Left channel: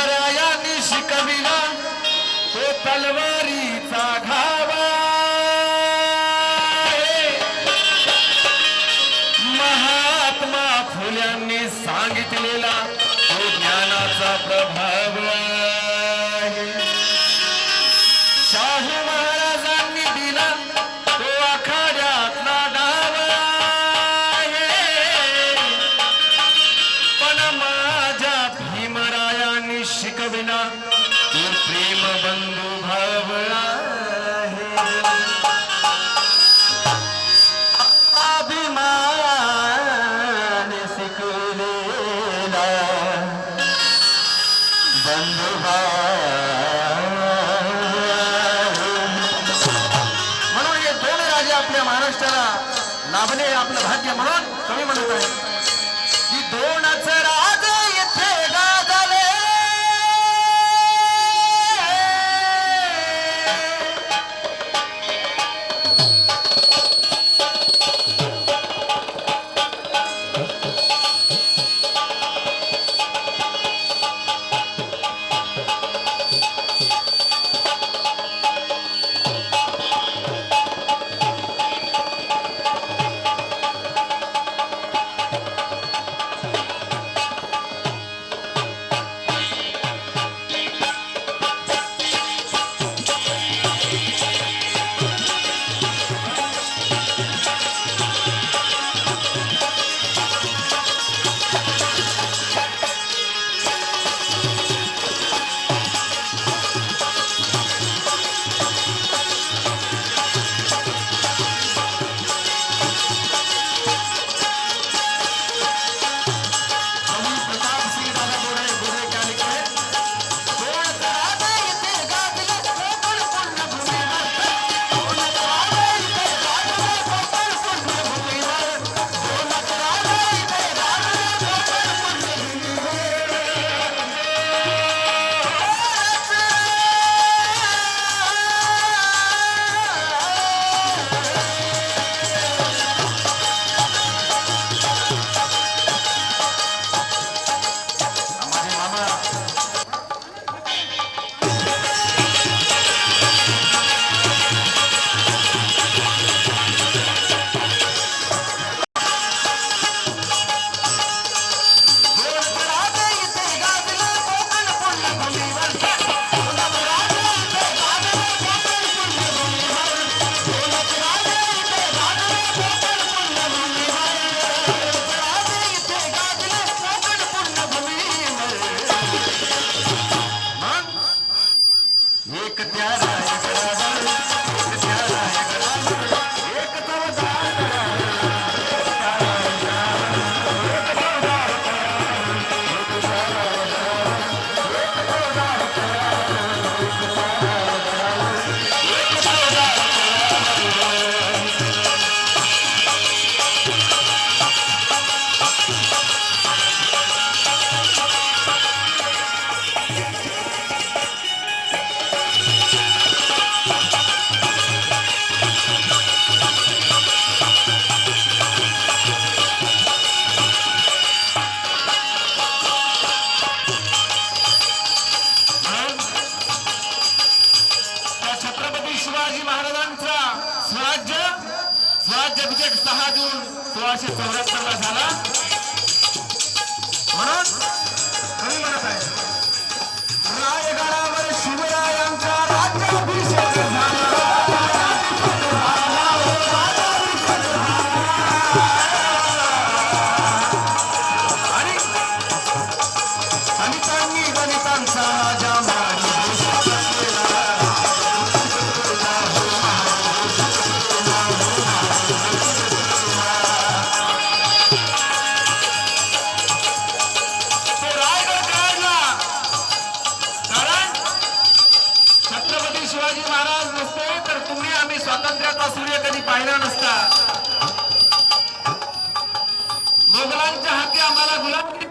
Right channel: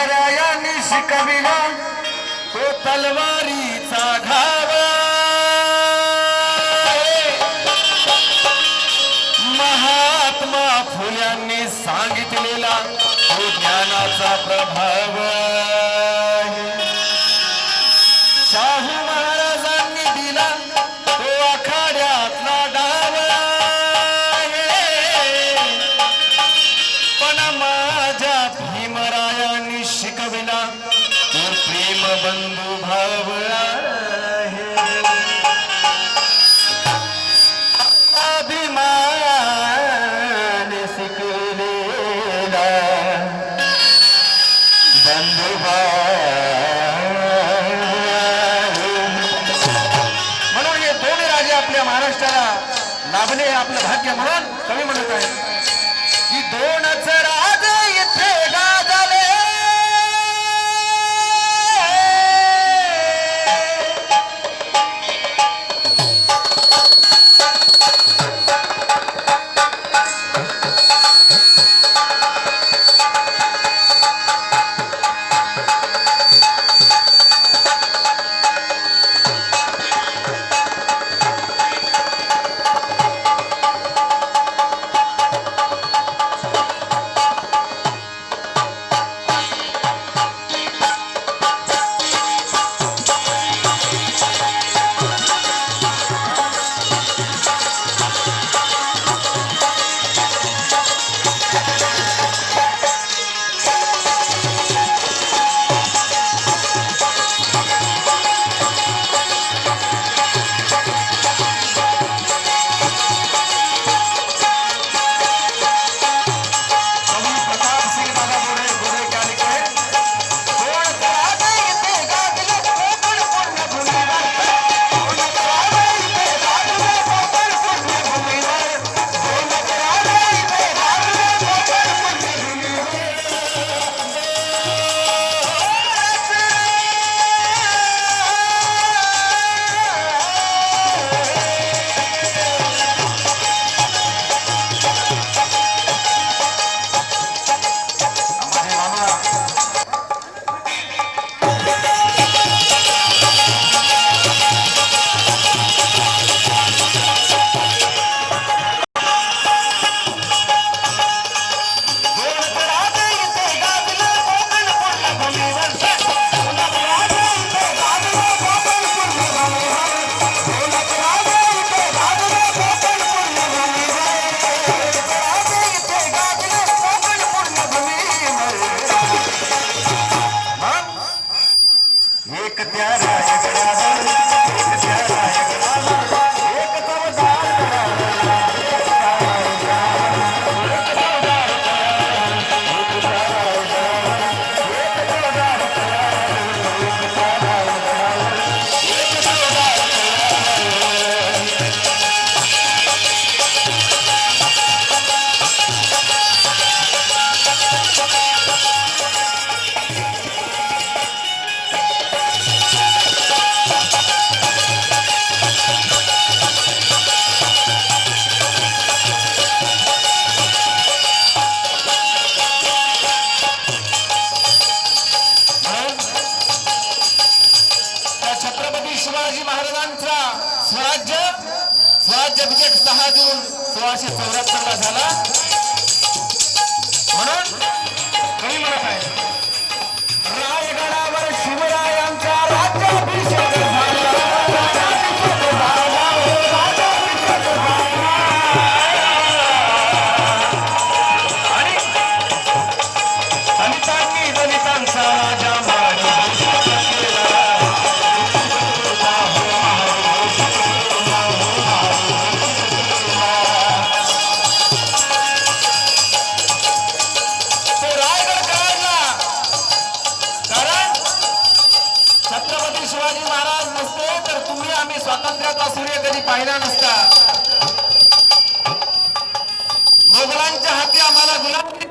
नारायणी शिकविला. तो तलवारीचा घाव महात्मा फुलांनी सांगितलेला तो ज्ञानाचा प्रभाव म्हणून हे दोन राजे आपल्या महाराष्ट्राला लाभले आपलं भाग्य म्हणून कमी म्हणत आहे एक त्या mala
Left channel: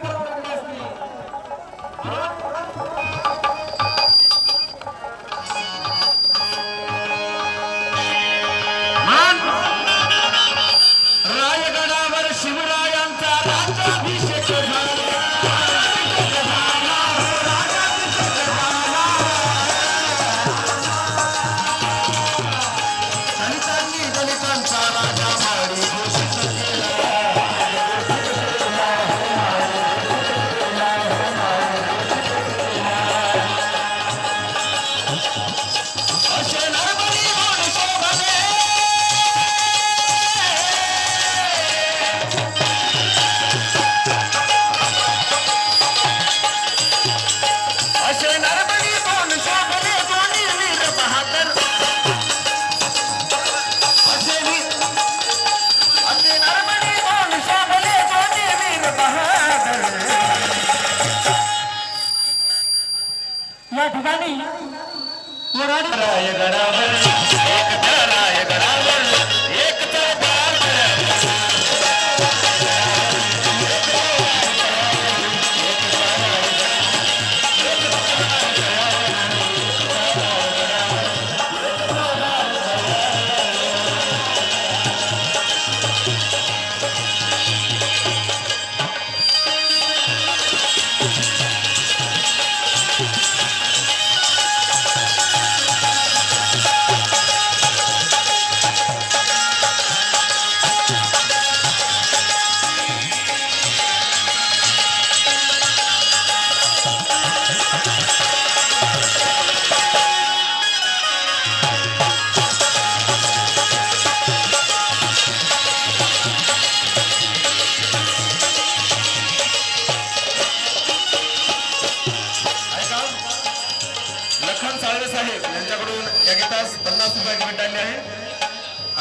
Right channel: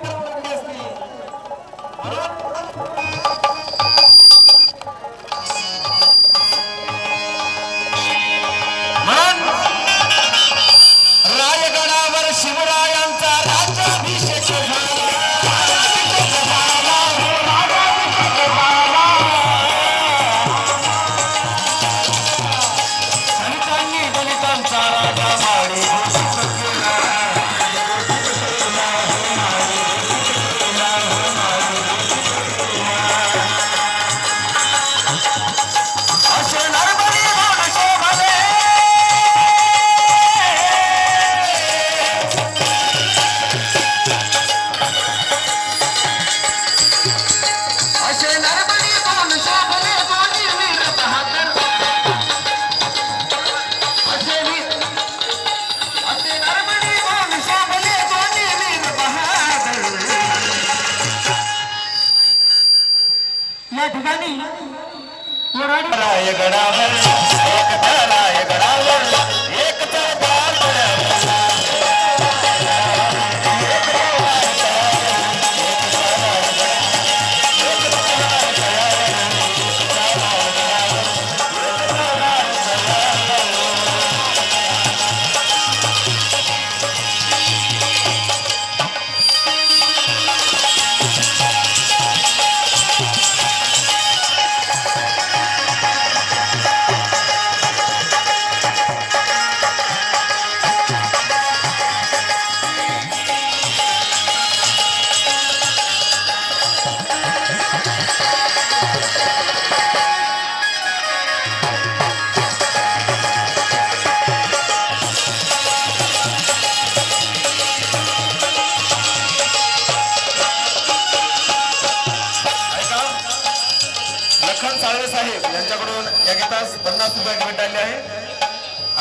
ગળા એ ગળા એ ગળા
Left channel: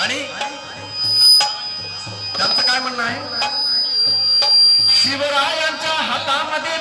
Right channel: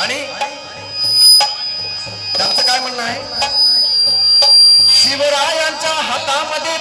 आणि त्यांचं काय म्हणणं आहे? शिवरायांच्या हातामध्ये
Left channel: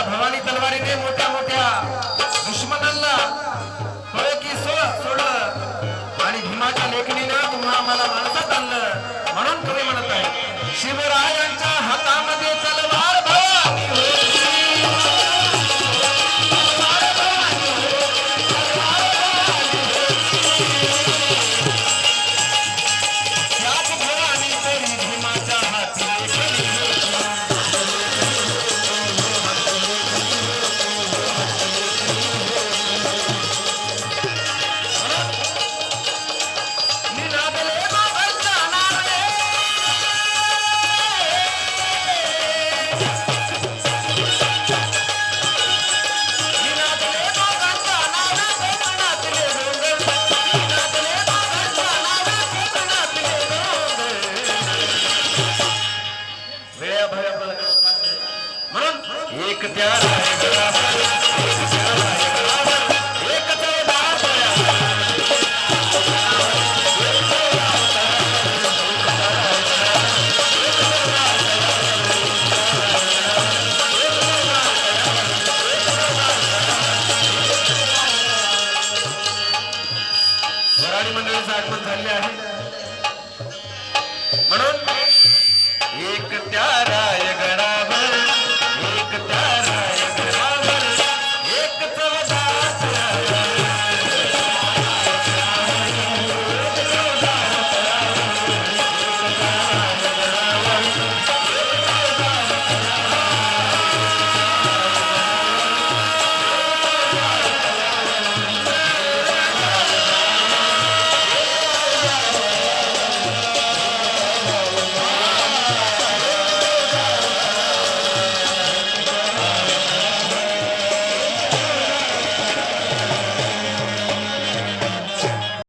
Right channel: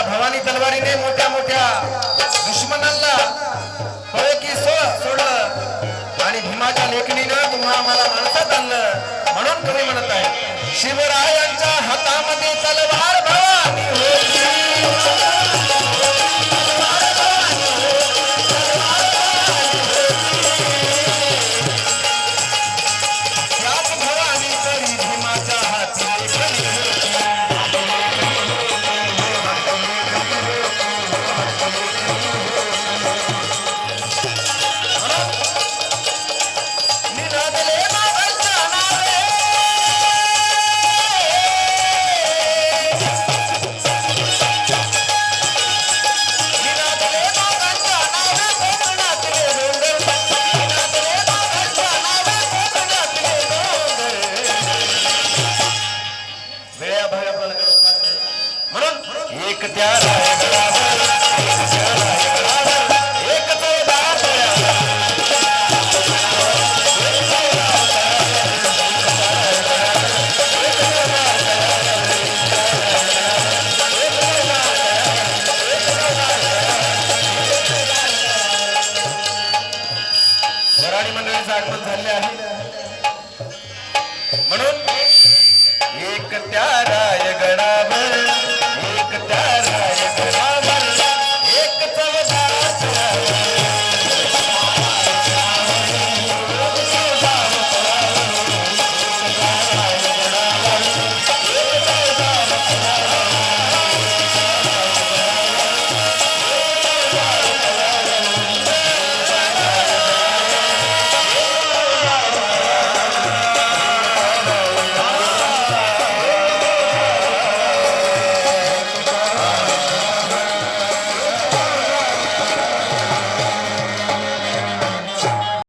त्या भवानी तलवारीने मोठ्या मोठ्या दुश्मनांना पळकी सोडलं. आणि भीमाच्या लेखणीनं तुम्ही आम्हाला माणसात आणलं म्हणून तुम्ही म्हणत आहे शिवरायांच्या हातामध्ये तलवार भवानी